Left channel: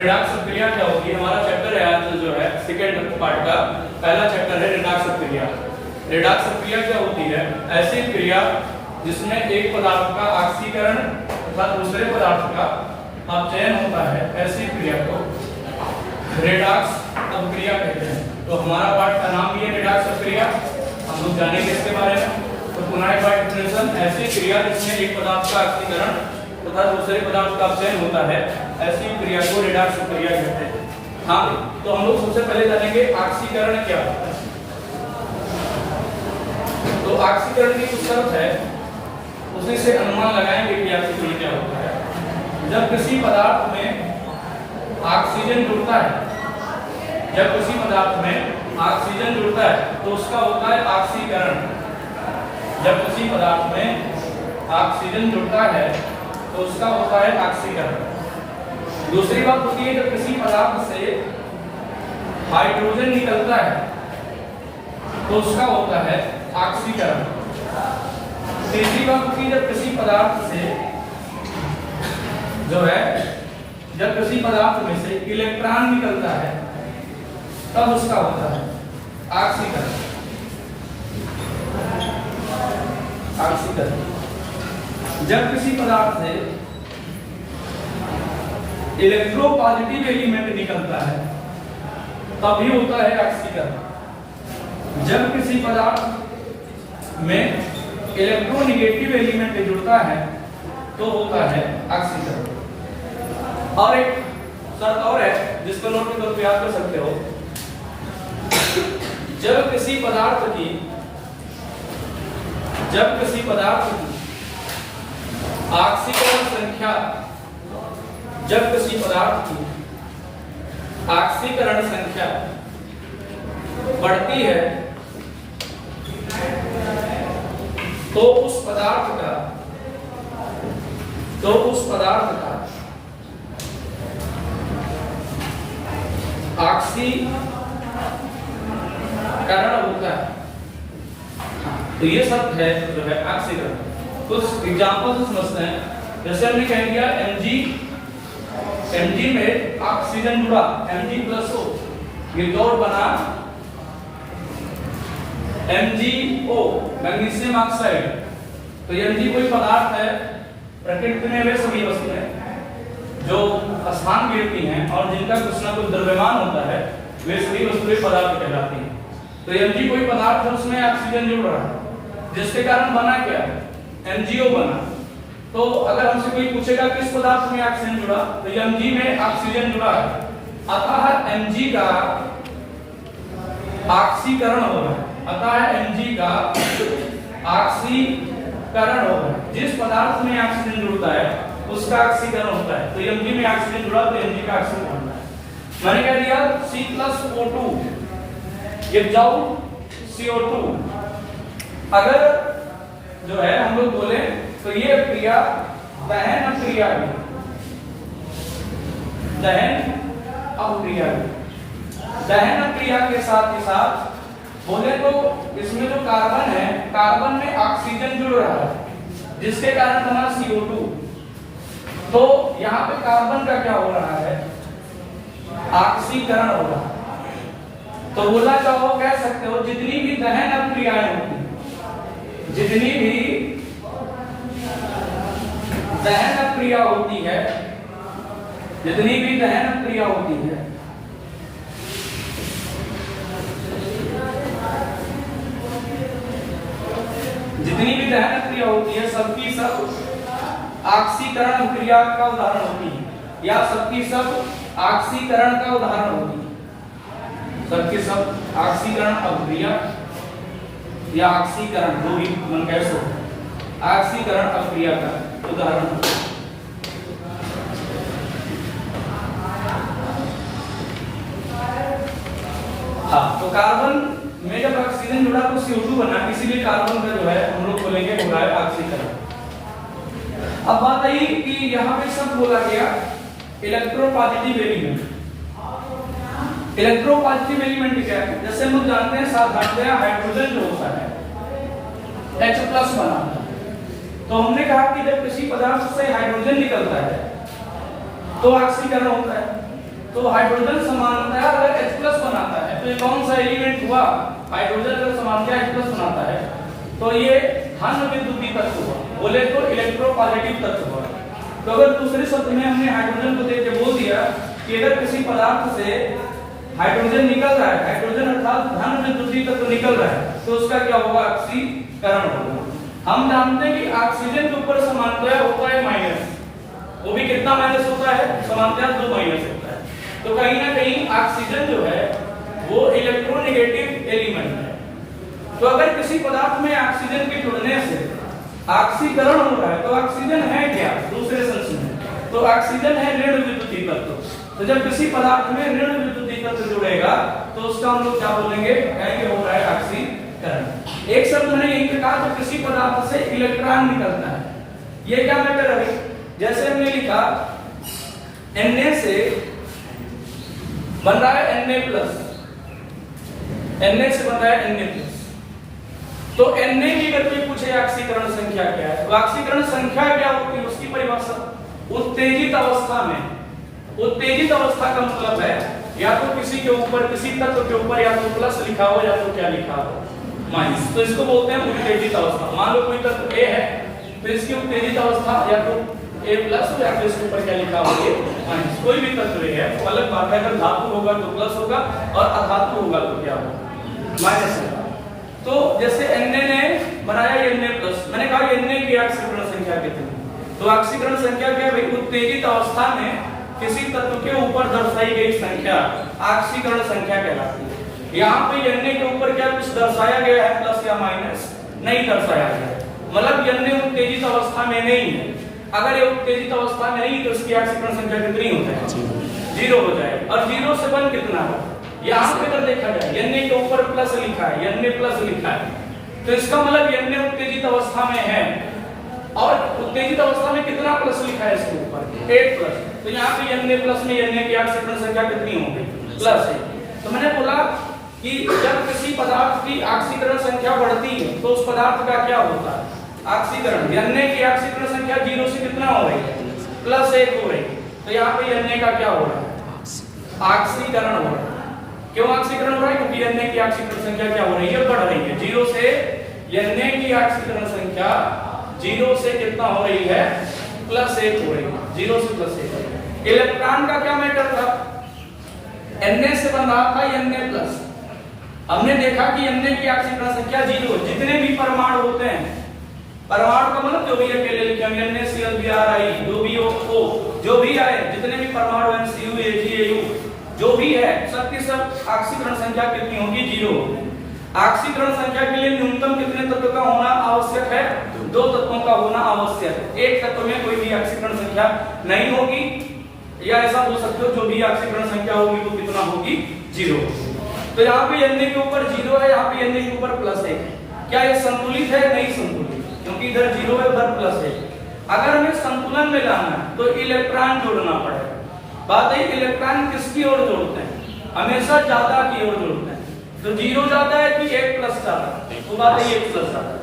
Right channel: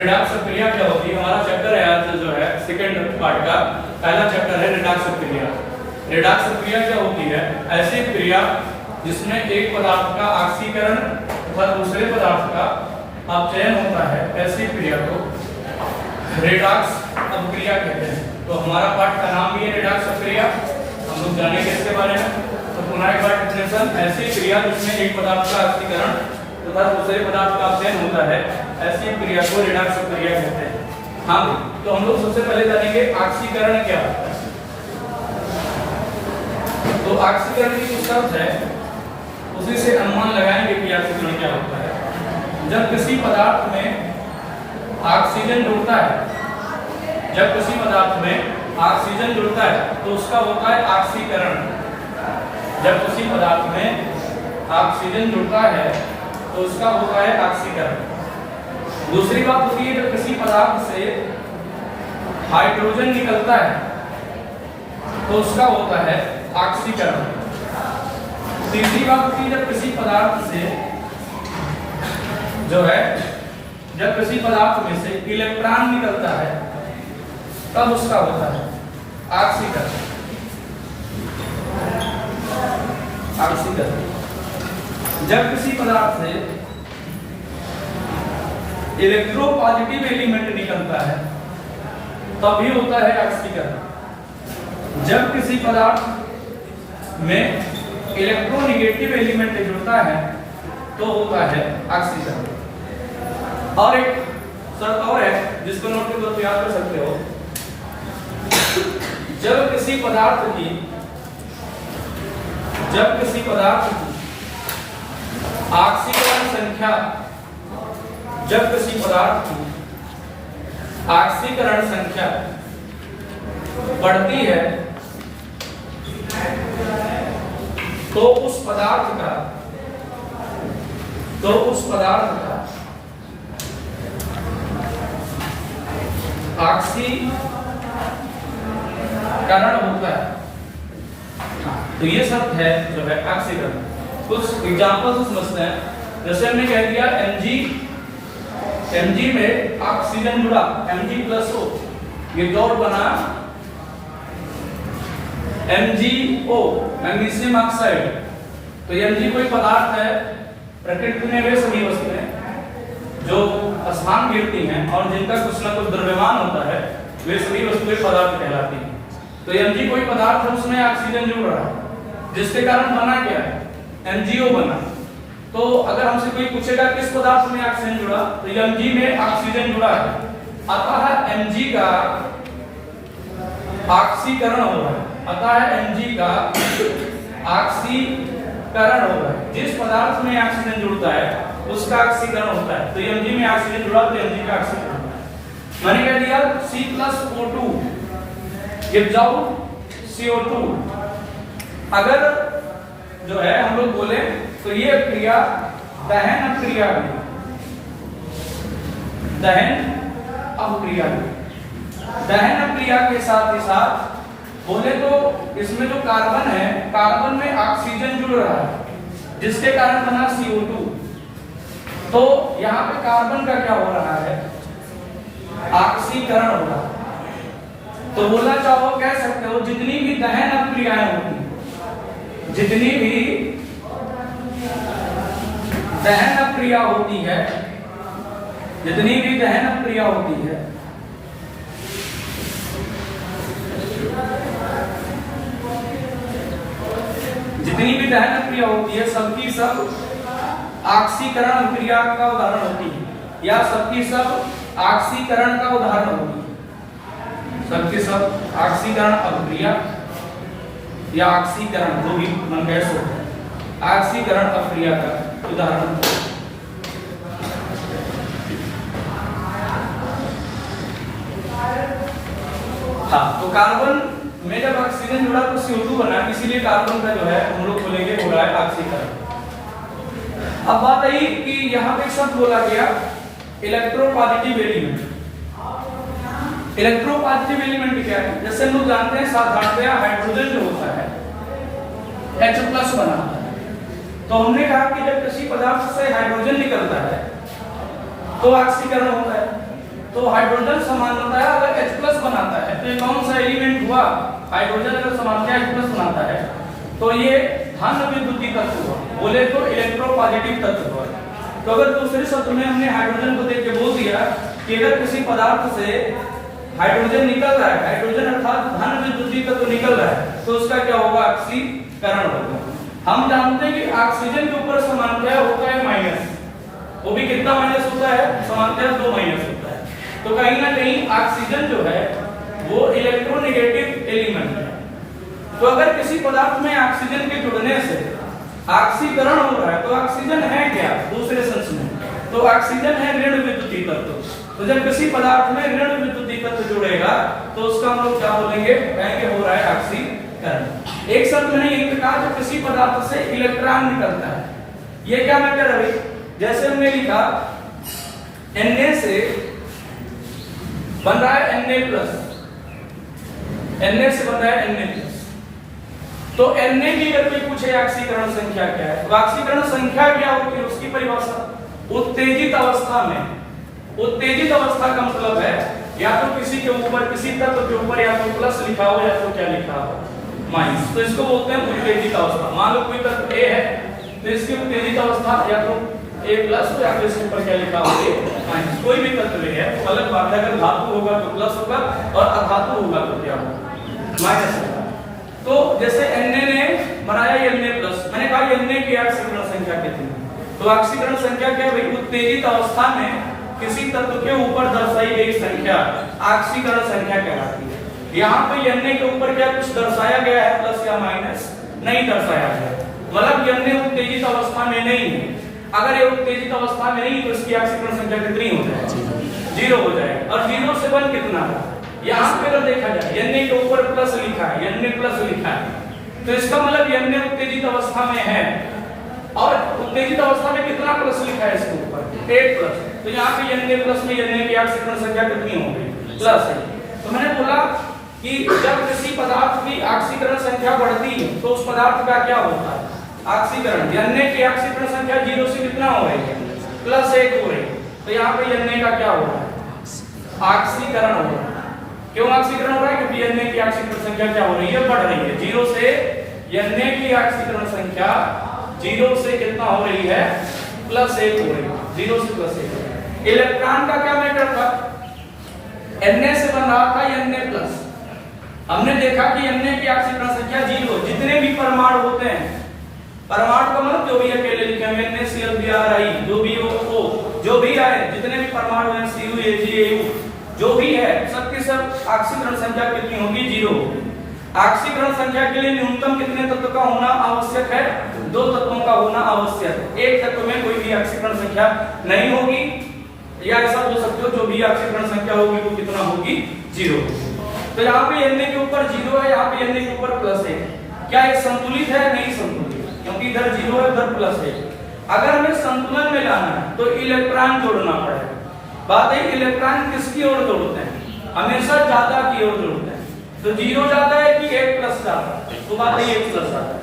Redox प्रक्रिया क्या होती है? हमारा चैप्टर है आज जो है सेकंड पार्ट का पहला चैप्टर है रिडॉक्स प्रक्रिया। रिडॉक्स प्रक्रिया क्या होती है? ऐसी क्रिया जिसमें एक पदार्थ का ऑक्सीकरण तथा दूसरे पदार्थ का अपचयन होता है, ऐसी क्रिया को रिडॉक्स अपक्रिया कहते हैं। तो हमारा पाठ का नाम भी है रिडॉक्स प्रक्रिया। हम लोग जानेंगे इसके बारे में। तो पुनः एक बार डेफिनेशन, ऐसी क्रिया जिसमें एक पदार्थ का ऑक्सीकरण तथा दूसरे पदार्थ का अपचयन होता है, ऐसी क्रिया को रिडॉक्स प्रक्रिया कहते हैं। हाँ, तो हम लोग सबसे पहले जानेंगे ऑक्सीकरण क्या होता है। तो ऑक्सीकरण की जो शर्त है उसी से अनुमान लगाएंगे कि ऑक्सीकरण क्या होता है। जब किसी पदार्थ में ऑक्सीजन जुड़ता है, जब किसी पदार्थ में ऑक्सीजन जुड़ता है तो उसका होता है ऑक्सीकरण। जब किसी पदार्थ में ऑक्सीजन जुड़ता है तो उसका होता है ऑक्सीकरण। दूसरी बात होती है जब किसी पदार्थ से हाइड्रोजन निकलता है तो उसका होता है ऑक्सीकरण। तीसरी बात होती है जब किसी पदार्थ से जो है, जब किसी पदार्थ में से इलेक्ट्रॉन निकलता है तब उसका होता है ऑक्सीकरण। ऑक्सीकरण। जब किसी पदार्थ से इलेक्ट्रोपॉजिटिव एलिमेंट निकलता है तभी होता है ऑक्सीकरण। जब किसी पदार्थ में इलेक्ट्रोनेगेटिव एलिमेंट जुड़ता है तो होता है ऑक्सीकरण। और एक शर्त और है जिसको नोट के तौर पर याद कर सकते हो। जब किसी पदार्थ की ऑक्सीकरण संख्या, जब किसी पदार्थ की ऑक्सीकरण संख्या बढ़ती है तो उस पदार्थ का ऑक्सीकरण होता है। तो ये शब्द है जो है ऑक्सीकरण। कुछ एग्जांपल समझते हैं। जैसे हमने कह दिया Mg में ऑक्सीजन जुड़ा, Mg+O, ये जोड़ बना MgO, मैग्नीशियम ऑक्साइड। तो Mg कोई पदार्थ है, प्रकृति में वे सभी वस्तुएं जो स्थान घेरती हैं और जिनका कुछ न कुछ द्रव्यमान होता है, वे सभी वस्तुएं पदार्थ कहलाती हैं। तो Mg कोई पदार्थ है, उसमें ऑक्सीजन जुड़ रहा है, जिसके कारण बना क्या है? MgO बना। तो अगर हमसे कोई पूछेगा किस पदार्थ में ऑक्सीजन जुड़ा, तो Mg में ऑक्सीजन जुड़ा है, अतः Mg का ऑक्सीकरण हो रहा है। अतः Mg का ऑक्सीकरण होगा। जिस पदार्थ में ऑक्सीजन जुड़ता है उसका ऑक्सीकरण होता है। तो Mg में ऑक्सीजन जुड़ा तो Mg का ऑक्सीकरण होता है। मैंने कह दिया C+O2 विदाउट CO2। अगर जो है हम लोग बोले तो ये क्रिया दहन अपक्रिया है। दहन अपक्रिया के साथ ही साथ बोले तो इसमें जो कार्बन है, कार्बन में ऑक्सीजन जुड़ रहा है जिसके कारण बना CO2। तो यहाँ पे कार्बन का क्या हो रहा है? ऑक्सीकरण हो रहा है। तो बोलना चाहो, कह सकते हो जितनी भी दहन अपक्रियाएं होती हैं, जितनी भी दहन अपक्रिया होती है, जितनी भी दहन अपक्रिया होती है, जितनी भी दहन अपक्रिया होती है, सबकी सब ऑक्सीकरण अपक्रिया का उदाहरण होती है, या सबकी सब ऑक्सीकरण का उदाहरण होती है। सबकी सब ऑक्सीकरण अपक्रिया या ऑक्सीकरण, जो भी मन कह सकते हैं, ऑक्सीकरण अपक्रिया का उदाहरण। हाँ, तो कार्बन में जब ऑक्सीजन जुड़ा तो CO2 बना, इसीलिए कार्बन का जो है हम लोग बोलेंगे हो रहा है ऑक्सीकरण। अब बात आई कि यहाँ पे शब्द बोला गया इलेक्ट्रोपॉजिटिव एलिमेंट। इलेक्ट्रोपॉजिटिव एलिमेंट क्या है? जैसे हम लोग जानते हैं साधारणतया हाइड्रोजन जो होता है H+ बना है। तो हमने कहा कि जब किसी पदार्थ से हाइड्रोजन निकलता है तो ऑक्सीकरण होता है। तो हाइड्रोजन सामान्यतः अगर H+ बनाता है तो ये कौन सा एलिमेंट हुआ? हाइड्रोजन अगर सामान्यतः H+ बनाता है तो ये धन विद्युतीय तत्व हुआ, बोले तो इलेक्ट्रोपॉजिटिव तत्व हुआ। तो अगर दूसरे शब्द में हमने हाइड्रोजन को देख के बोल दिया कि अगर किसी पदार्थ से हाइड्रोजन निकल रहा है, हाइड्रोजन अर्थात धन विद्युतीय तत्व निकल रहा है, तो उसका क्या होगा? ऑक्सीकरण होगा। हम जानते हैं कि ऑक्सीजन के ऊपर सामान्यतः होता है माइनस, वो भी कितना माइनस होता है? सामान्यतः 2 माइनस होता है। तो कहीं ना कहीं ऑक्सीजन जो है वो इलेक्ट्रोनेगेटिव एलिमेंट है। तो अगर किसी पदार्थ में ऑक्सीजन के जुड़ने से ऑक्सीकरण हो रहा है तो ऑक्सीजन है क्या? दूसरे सेंस में तो ऑक्सीजन है ऋण विद्युतीय तत्व। तो जब किसी पदार्थ में ऋण विद्युतीय तत्व जुड़ेगा तो उसका हम लोग क्या बोलेंगे? कहेंगे हो रहा है ऑक्सीकरण। एक शब्द मैंने यही कहा, तो किसी पदार्थ से इलेक्ट्रॉन निकलता है, ये क्या मैटर है? जैसे हमने लिखा Na से बन रहा है Na+, Na से बन रहा है Na+। तो Na की अगर कोई पूछे ऑक्सीकरण संख्या क्या है, तो ऑक्सीकरण संख्या क्या होती है? उसकी परिभाषा उत्तेजित अवस्था में। उत्तेजित अवस्था का मतलब है या तो किसी के ऊपर, किसी तत्व के ऊपर या तो प्लस लिखा हो या तो क्या लिखा हो? माइनस। तो इसको बोलते हैं उत्तेजित अवस्था। मान लो कोई तत्व A है तो इसकी उत्तेजित अवस्था या तो A+ या तो इसके ऊपर क्या लिखा हो? माइनस। कोई भी तत्व है तो अलग बात है, अगर धातु होगा तो प्लस होगा और अधातु होगा तो क्या होगा? माइनस होगा। तो जैसे Na ने बनाया ये Na+, मैंने कहा Na की ऑक्सीकरण संख्या कितनी है? तो ऑक्सीकरण संख्या क्या है? उत्तेजित अवस्था में किसी तत्व के ऊपर दर्शाई गई संख्या ऑक्सीकरण संख्या कहलाती है। यहाँ पे Na के ऊपर क्या कुछ दर्शाया गया है प्लस या माइनस? नहीं दर्शाया गया है, मतलब Na उत्तेजित अवस्था में नहीं है। अगर ये उत्तेजित अवस्था में नहीं तो इसकी ऑक्सीकरण संख्या कितनी हो जाएगी? 0 हो जाएगा। और 0 से 1 कितना है? यहाँ पे अगर देखा जाए Na के ऊपर प्लस लिखा है, Na+ लिखा है, तो इसका मतलब Na उत्तेजित अवस्था में है। और उत्तेजित अवस्था में कितना प्लस लिखा है इसके ऊपर? 8+। तो यहाँ पे Na+ में Na की ऑक्सीकरण संख्या कितनी हो गई? प्लस है। तो मैंने बोला कि जब किसी पदार्थ की ऑक्सीकरण संख्या बढ़ती है तो उस पदार्थ का क्या होता है? ऑक्सीकरण। Na की ऑक्सीकरण संख्या 0 से कितना हो रही है? +1 हो रही है। तो यहाँ पे Na का क्या हो रहा है? ऑक्सीकरण हो रहा है। क्यों ऑक्सीकरण हो रहा है? क्योंकि Na की ऑक्सीकरण संख्या क्या हो रही है? बढ़ रही है। 0 से Na की ऑक्सीकरण संख्या 0 से कितना हो रही है? +1 हो रही है। 0 से +1। इलेक्ट्रॉन का क्या मैटर था? Na से बन रहा था Na+। हमने देखा कि Na की ऑक्सीकरण संख्या 0। जितने भी परमाणु होते हैं, परमाणु का मतलब जो भी अकेले लिखे होंगे NaCl, Bri, जो भी O, जो भी आए, जितने भी परमाणु MCu, AgAu, जो भी है, सबकी सब ऑक्सीकरण संख्या कितनी होगी? 0 होगी। ऑक्सीकरण संख्या के लिए न्यूनतम कितने तत्व का होना आवश्यक है? 2 तत्वों का होना आवश्यक है। एक तत्व में कोई भी ऑक्सीकरण संख्या नहीं होगी, या ऐसा बोल सकते हो जो भी ऑक्सीकरण संख्या होगी वो कितना होगी? 0। तो यहाँ पे Na के ऊपर 0 है, यहाँ पे Na के ऊपर +1 है। क्या ये संतुलित है? नहीं संतुलित, क्योंकि इधर 0 है, उधर +1 है। अगर हमें संतुलन में लाना है तो इलेक्ट्रॉन जोड़ना पड़ेगा। बात है इलेक्ट्रॉन किसकी ओर जोड़ते हैं? हमेशा ज्यादा की ओर जोड़ते हैं। तो 0 जाता है कि 1+ जाता है? तो बात है 1+ जाता है।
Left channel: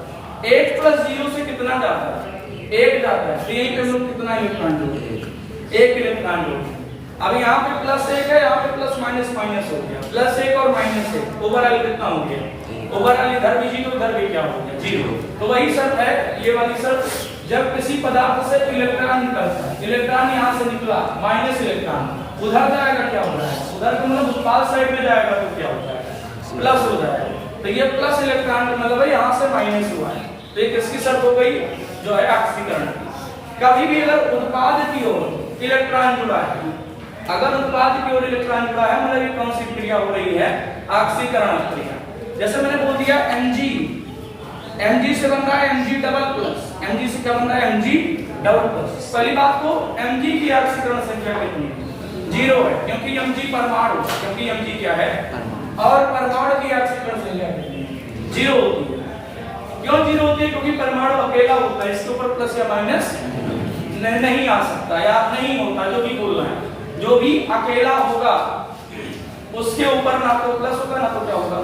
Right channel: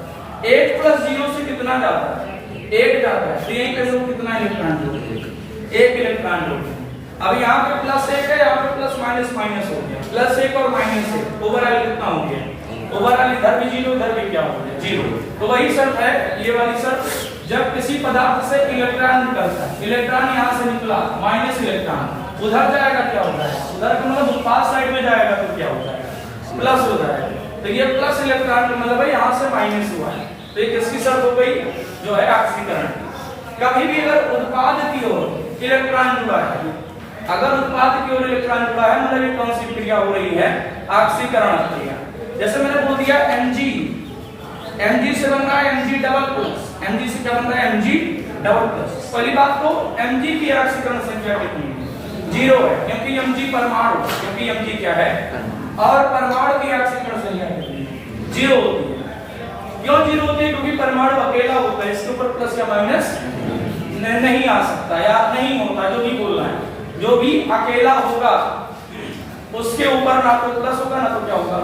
1+0 से कितना जाता है? 1 जाता है। तो यही पे लोग कितना इलेक्ट्रॉन जोड़ते हैं? 1 इलेक्ट्रॉन जोड़ते हैं। अब यहाँ पे +1 है, यहाँ पे प्लस माइनस हो गया। +1 और -1 ओवरऑल कितना हो गया? ओवरऑल इधर भी 0, उधर भी क्या हो गया? 0। तो वही शर्त है, ये वाली शर्त, जब किसी पदार्थ से इलेक्ट्रॉन निकलता है, इलेक्ट्रॉन यहाँ से निकला, माइनस इलेक्ट्रॉन, उधर जाएगा क्या हो जाएगा? उधर का मतलब उत्पाद साइड में जाएगा तो क्या हो जाएगा? प्लस हो जाएगा। तो ये प्लस इलेक्ट्रॉन का मतलब है यहाँ से माइनस हुआ है। तो ये किसकी शर्त हो गई? जो है ऑक्सीकरण की। कभी भी अगर उत्पाद की ओर इलेक्ट्रॉन जुड़ा है, अगर उत्पाद की ओर इलेक्ट्रॉन जुड़ा है, मतलब ये कौन सी क्रिया हो रही है? ऑक्सीकरण क्रिया। जैसे मैंने बोल दिया Mg से बन रहा है Mg++। Mg से क्या बन रहा है? Mg++। पहली बात तो Mg की ऑक्सीकरण संख्या कितनी है? 0 है, क्योंकि Mg परमाणु, क्योंकि Mg क्या है? और परमाणु की ऑक्सीकरण संख्या कितनी है? 0 होती है। क्यों 0 होती है? क्योंकि परमाणु अकेला होता है, इसके ऊपर प्लस या माइनस नहीं आ सकता या नहीं होता। जो भी बोलना है, जो भी अकेला होगा उसके ऊपर ना तो प्लस होगा ना तो क्या होगा?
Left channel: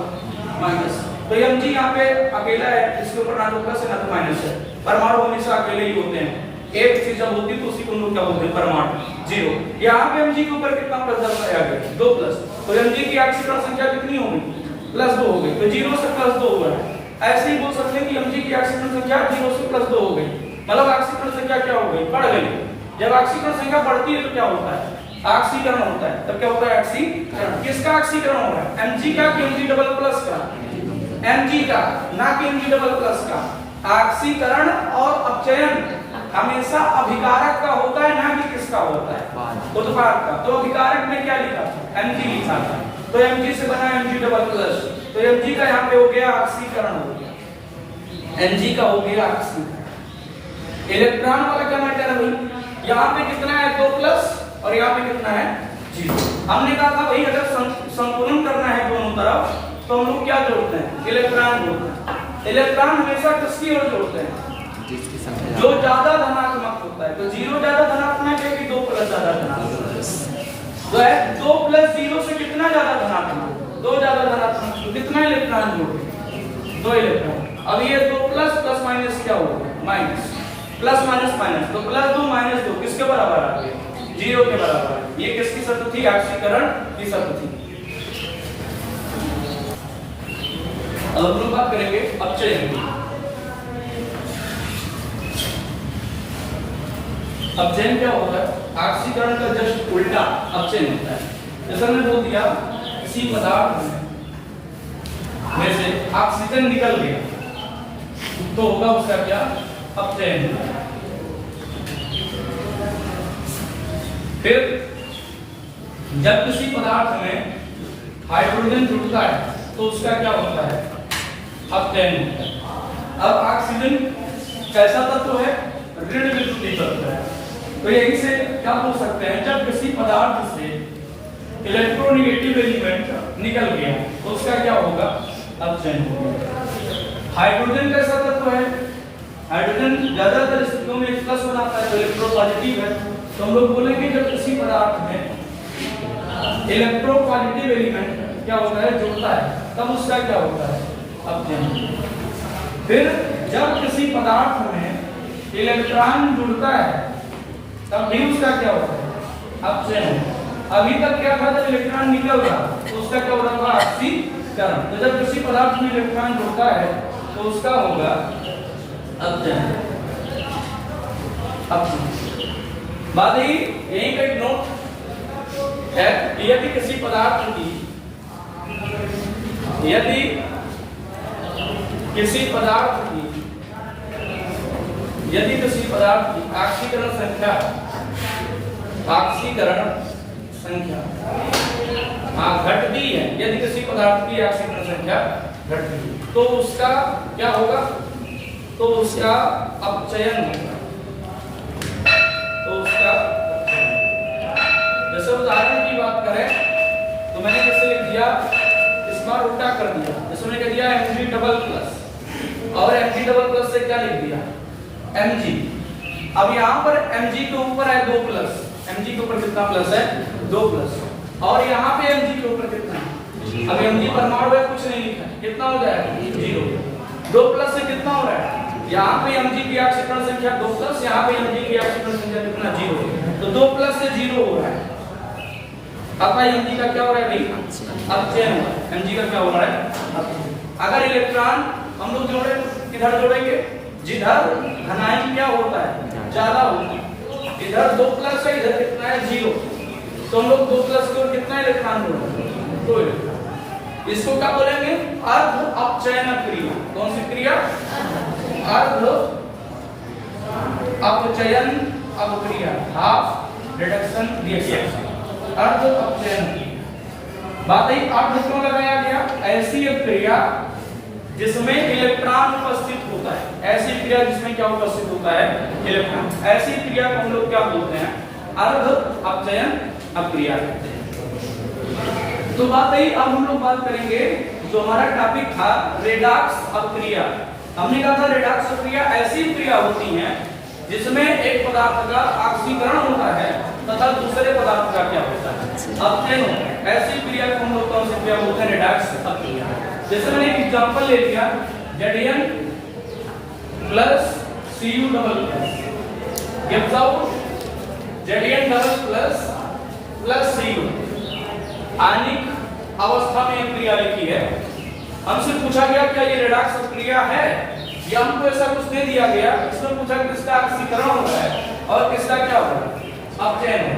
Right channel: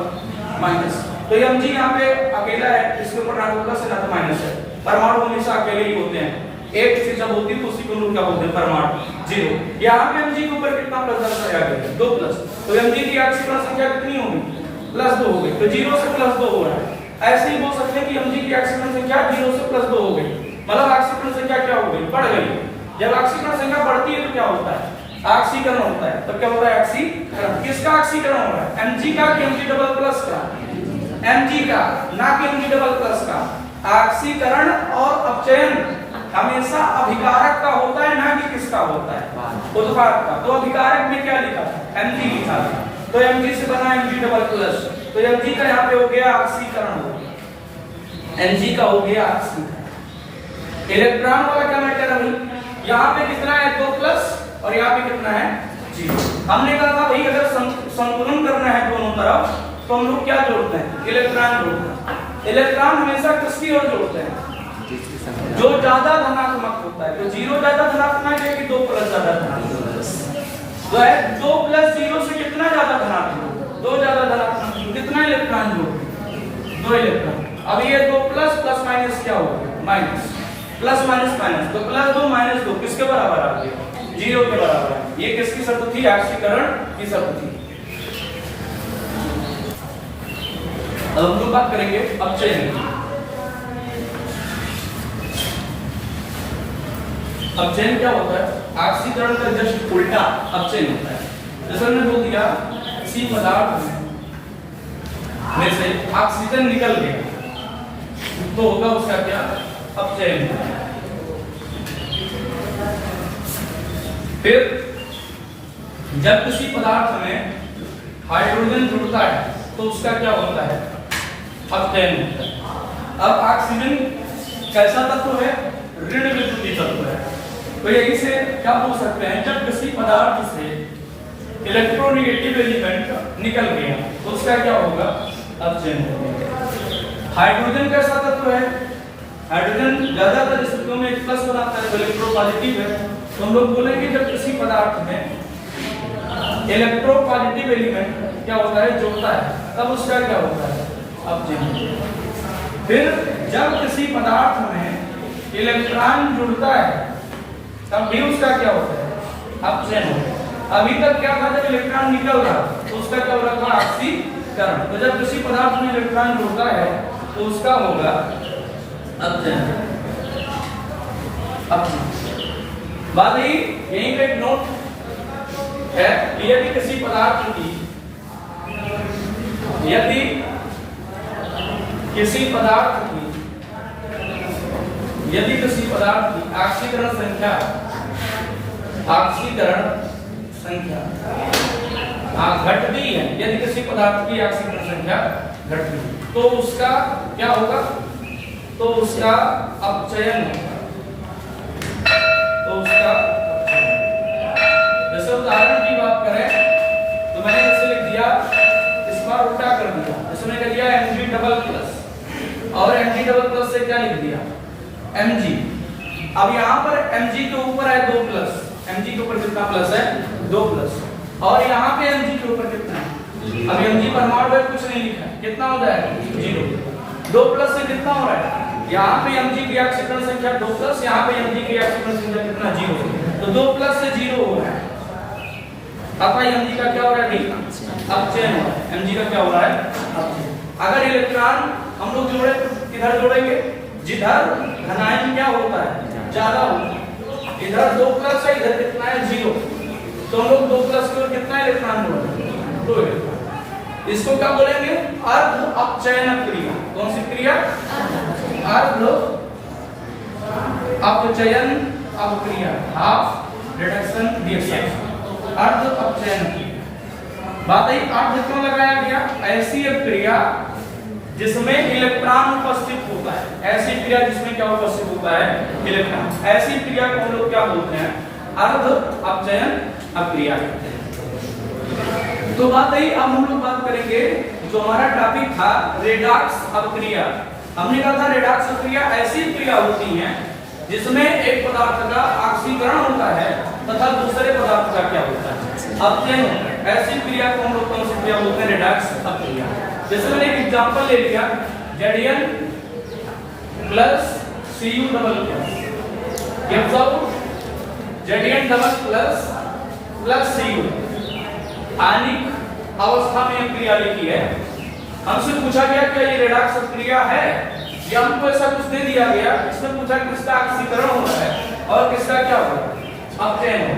माइनस। तो Mg यहाँ पे अकेला है, इसके ऊपर ना तो प्लस है ना तो माइनस है। परमाणु हमेशा अकेले ही होते हैं। एक चीज जब होती है तो उसी को लोग क्या बोलते हैं? परमाणु। 0। यहाँ पे mg के ऊपर कितना प्लस दर्शाया गया है 2 प्लस, तो mg की ऑक्सीकरण संख्या कितनी होगी +2 हो गई, तो 0 से +2 हो रहा है। ऐसे ही बोल सकते हैं कि mg की ऑक्सीकरण संख्या 0 से +2 हो गई, मतलब ऑक्सीकरण संख्या क्या हो गई बढ़ गई। जब ऑक्सीकरण संख्या बढ़ती है तो क्या होता है ऑक्सीकरण होता है। तो क्या होता है ऑक्सीकरण, किसका ऑक्सीकरण हो रहा है mg का कि mg डबल प्लस का, mg का ना कि mg डबल प्लस का। ऑक्सीकरण और अपचयन हमेशा अभिकारक का होता है ना कि किसका होता है उत्पाद का। तो अभिकारक में क्या लिखा था mg लिखा था, तो mg से बना mg डबल प्लस, तो mg का यहाँ पे हो गया ऑक्सीकरण हो गया, mg का हो गया ऑक्सीकरण। इलेक्ट्रॉन वाला क्या मैटर है भाई, यहाँ पे कितना है 2 प्लस और यहाँ पे कितना है 0। हमने कहा था भाई अगर संतुलन करना है दोनों तरफ तो हम लोग क्या जोड़ते हैं इलेक्ट्रॉन जोड़ते हैं। इलेक्ट्रॉन हमेशा किसकी ओर जोड़ते हैं जो ज्यादा धनात्मक होता है। तो 0 ज्यादा धनात्मक है कि 2 प्लस ज्यादा धनात्मक, तो है 2 प्लस 0 से कितना ज्यादा धनात्मक 2 ज्यादा धनात्मक, तो कितना इलेक्ट्रॉन जोड़ते 2 इलेक्ट्रॉन। अब ये 2 प्लस प्लस माइनस क्या होगा माइनस, प्लस माइनस माइनस, तो +2 -2 किसके बराबर आ गया 0 के बराबर है। ये किसकी शर्त थी ऑक्सीकरण की शर्त थी। अब हम लोग बात करेंगे अपचयन की। अपचयन क्या होता है ऑक्सीकरण का जस्ट उल्टा अपचयन होता है। जैसा मैंने बोल दिया किसी पदार्थ में से ऑक्सीजन निकल गया तो होगा उसका क्या अपचयन। फिर जब किसी पदार्थ में हाइड्रोजन जुड़ता है तो उसका क्या होता है अपचयन होता है। अब ऑक्सीजन कैसा तत्व है ऋण विद्युतीय तत्व है, तो यही से क्या बोल सकते हैं जब किसी पदार्थ से इलेक्ट्रोनेगेटिव एलिमेंट निकल गया तो उसका क्या होगा अपचयन होगा। हाइड्रोजन कैसा तत्व है, हाइड्रोजन ज्यादातर स्थितियों में एक प्लस बनाता है तो इलेक्ट्रोपॉजिटिव है। तो हम लोग बोलेंगे जब किसी पदार्थ में इलेक्ट्रोपॉजिटिव एलिमेंट क्या होता है जुड़ता है तब उसका क्या होता है अपचयन। फिर जब किसी पदार्थ में इलेक्ट्रॉन जुड़ता है तब भी उसका क्या होता है अपचयन होता है। अभी तक क्या था जब इलेक्ट्रॉन निकल रहा तो उसका क्या हो रहा था ऑक्सीकरण, तो जब किसी पदार्थ में इलेक्ट्रॉन जुड़ता है तो उसका होगा अपचयन। बात ही यहीं पे एक नोट है, यदि किसी पदार्थ की ऑक्सीकरण संख्या घटती है, यदि किसी पदार्थ की ऑक्सीकरण संख्या घटती है तो उसका क्या होगा तो उसका अपचयन होगा। तो उसका जैसे उदाहरण की बात करें तो मैंने जैसे लिख दिया इस बार उल्टा कर दिया, इसमें कह दिया Mg डबल प्लस और Mg डबल प्लस से क्या लिख दिया Mg। अब यहाँ पर Mg के ऊपर है 2 प्लस, Mg के ऊपर कितना प्लस है 2 प्लस और यहाँ पे Mg के ऊपर कितना है, अब Mg परमाणु है कुछ नहीं लिखा, कितना हो जाएगा 0। 2 प्लस से कितना हो रहा है यहाँ पे Mg की ऑक्सीकरण संख्या 2 प्लस, यहाँ पे Mg की ऑक्सीकरण संख्या कितना 0, तो 2 प्लस से 0 हो रहा है। अब Mg का क्या हो रहा है भाई अपचयन हो रहा है, Mg का क्या हो रहा है अपचयन। अगर इलेक्ट्रॉन हम लोग जोड़े किधर जोड़ेंगे जिधर धनायन क्या होता है ज्यादा होता है। इधर 2 प्लस है इधर कितना है 0, तो हम लोग 2 प्लस की ओर कितना इलेक्ट्रॉन जोड़ेंगे 2 इलेक्ट्रॉन। इसको क्या बोलेंगे अर्ध अपचयन क्रिया। कौन सी क्रिया अर्ध अपचयन अवक्रिया, हाफ रिडक्शन रिएक्शन, अर्ध अपचयन क्रिया। बात है अर्ध क्यों लगाया गया, ऐसी एक क्रिया जिसमें इलेक्ट्रॉन उपस्थित होता है, ऐसी क्रिया जिसमें क्या उपस्थित होता है इलेक्ट्रॉन, ऐसी क्रिया को हम लोग क्या बोलते हैं अर्ध अपचयन अक्रिया। तो बात है अब हम लोग बात करेंगे जो हमारा टॉपिक था रेडॉक्स अपक्रिया। हमने कहा था रेडॉक्स अपक्रिया ऐसी क्रिया होती है जिसमें एक पदार्थ का ऑक्सीकरण होता है तथा दूसरे पदार्थ का क्या होता है अपचयन होता है। ऐसी क्रिया को हम लोग कौन सी क्रिया बोलते हैं रेडॉक्स अपक्रिया। जैसे मैंने एक एग्जांपल ले लिया Zn plus Cu double plus gives out Zn double plus Cu आयनिक अवस्था में क्रिया लिखी है। हमसे पूछा गया क्या ये रेडॉक्स क्रिया है, या हमको ऐसा कुछ दे दिया गया, इसमें पूछा किसका ऑक्सीकरण हो रहा है और किसका क्या हो रहा है, अपचयन हो।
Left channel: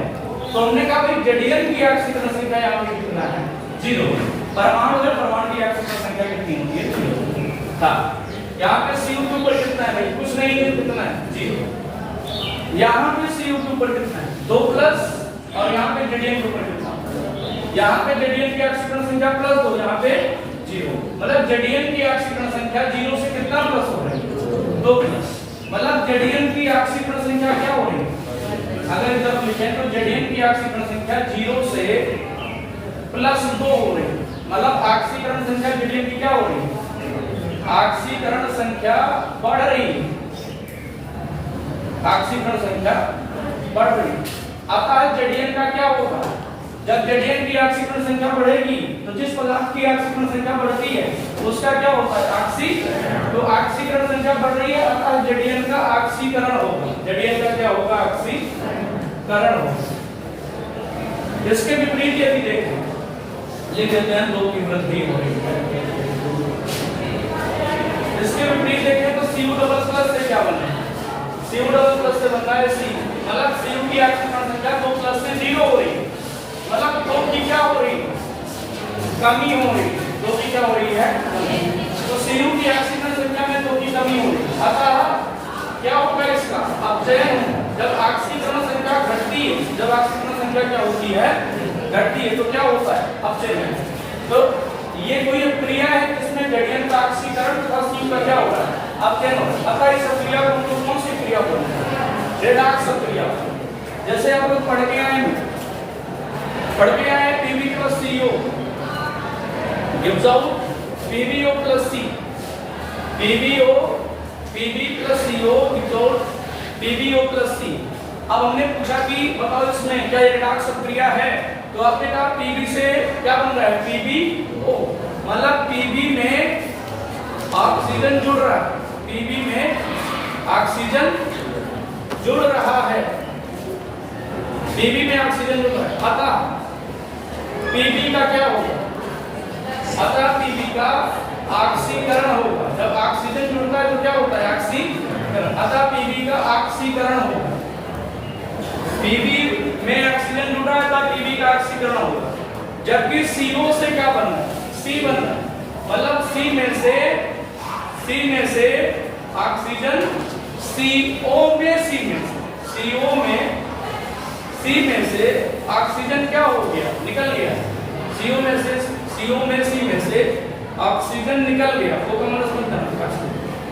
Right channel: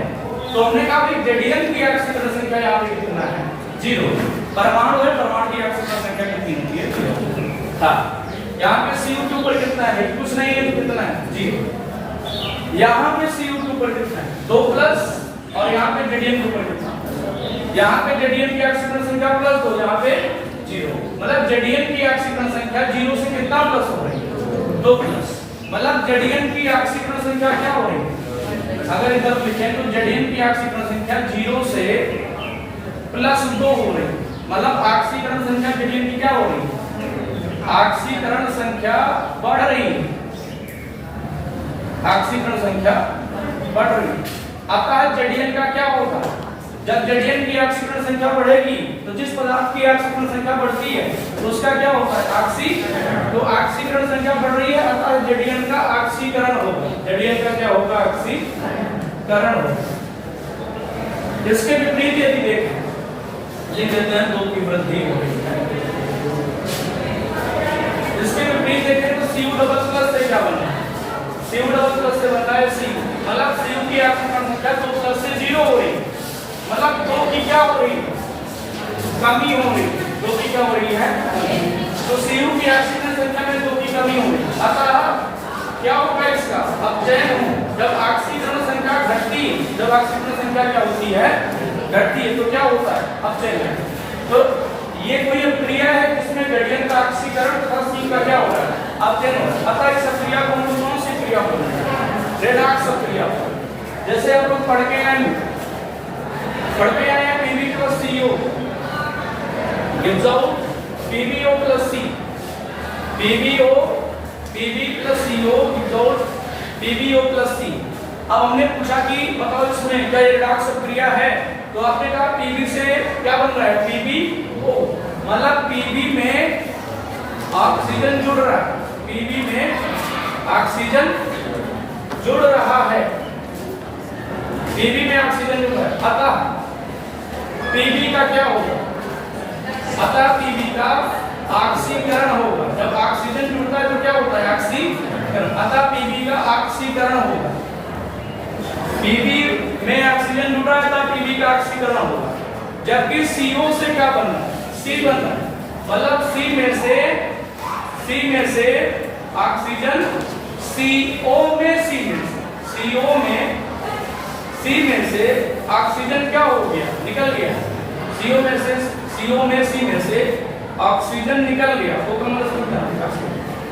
तो हमने कहा भाई Zn की ऑक्सीकरण संख्या यहाँ पे कितना है 0, परमाणु है, परमाणु की ऑक्सीकरण संख्या कितनी होती है 0। हाँ, यहाँ पे Cu के ऊपर कितना है, कुछ नहीं है तो कितना है 0। यहाँ पे Cu के ऊपर कितना है 2 प्लस, और यहाँ पे Zn के ऊपर कितना, यहाँ पे Zn की ऑक्सीकरण संख्या +2, यहाँ पे 0, मतलब Zn की ऑक्सीकरण संख्या 0 से कितना प्लस हो रही है 2 प्लस, मतलब Zn की ऑक्सीकरण संख्या क्या हो रही है, अगर इधर लिखें तो Zn की ऑक्सीकरण संख्या 0 से +2 हो रही है, मतलब ऑक्सीकरण संख्या Zn की क्या हो रही है, ऑक्सीकरण संख्या बढ़ रही है, ऑक्सीकरण संख्या बढ़ रही है। अतः Zn का क्या होगा, जब Zn की ऑक्सीकरण संख्या बढ़ेगी तो जिस पदार्थ की ऑक्सीकरण संख्या बढ़ती है तो उसका क्या होता है ऑक्सीकरण, तो ऑक्सीकरण संख्या बढ़ रही है, अतः Zn का ऑक्सीकरण होगा, Zn का क्या होगा ऑक्सीकरण होगा। इसके विपरीत यदि देखें, लिख देते हैं 2 की वृद्धि हो रही है। इसके विपरीत देखें तो Cu डबल प्लस से क्या बना है, Cu डबल प्लस से बना है C, मतलब Cu की ऑक्सीकरण संख्या 2 प्लस से 0 हो रही है, मतलब 2 की क्या हो रही है, कमी हो रही है, 2 की क्या हो रही है, तो Cu की ऑक्सीकरण संख्या में 2 की कमी हो रही है, अतः क्या होगा इसका अपचयन हो। जब ऑक्सीकरण संख्या घटती है, जब ऑक्सीकरण संख्या क्या होती है घटती है तो क्या होता है अपचयन। तो ये कोई क्रिया है जिसमें Zn का ऑक्सीकरण तथा Cu का क्या हो रहा है अपचयन हो रहा है, अतः इस क्रिया को कौन सी क्रिया बोलते हैं, रेडॉक्स क्रिया। जैसे आप लोग पढ़ के आए Pb plus Co gives out PbO plus C, Pb plus Co gives out PbO plus C। अब हमने पूछा कि बताओ इसमें क्या ये रेडॉक्स क्रिया है, तो आपने कहा Pb से क्या बन रहा है PbO, मतलब Pb में ऑक्सीजन जुड़ रहा है, Pb में ऑक्सीजन जुड़ रहा है, Pb में ऑक्सीजन जुड़ रहा है, अतः Pb का क्या होगा, अतः Pb का ऑक्सीकरण होगा। जब ऑक्सीजन जुड़ता है तो क्या होता है ऑक्सीकरण, अतः Pb का ऑक्सीकरण होगा। Pb में ऑक्सीजन जुड़ा है तब Pb का ऑक्सीकरण होगा, जबकि CO से क्या बन रहा है C बन रहा है, मतलब C में से ऑक्सीजन CO में से ऑक्सीजन क्या हो गया निकल गया, CO में से ऑक्सीजन निकल गया, वो तो मतलब समझना,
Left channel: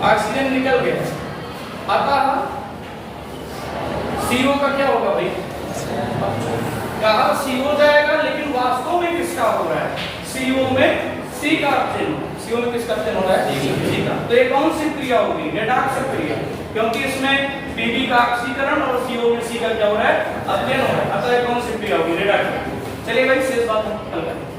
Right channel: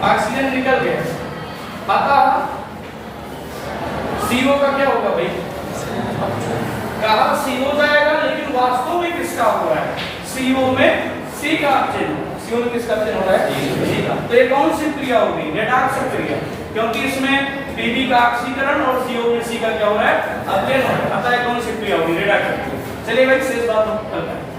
ऑक्सीजन निकल गया, अतः CO का क्या होगा भाई, कहा CO जाएगा, लेकिन वास्तव में किसका हो रहा है, CO में C का अपचयन, CO में किसका अपचयन हो रहा है C का। तो ये कौन सी क्रिया होगी, रेडॉक्स क्रिया, क्योंकि इसमें Pb का ऑक्सीकरण और CO में C का क्या हो रहा है अपचयन हो रहा है, अतः कौन सी क्रिया होगी रेडॉक्स। चलिए भाई शेष बात हम कल करें।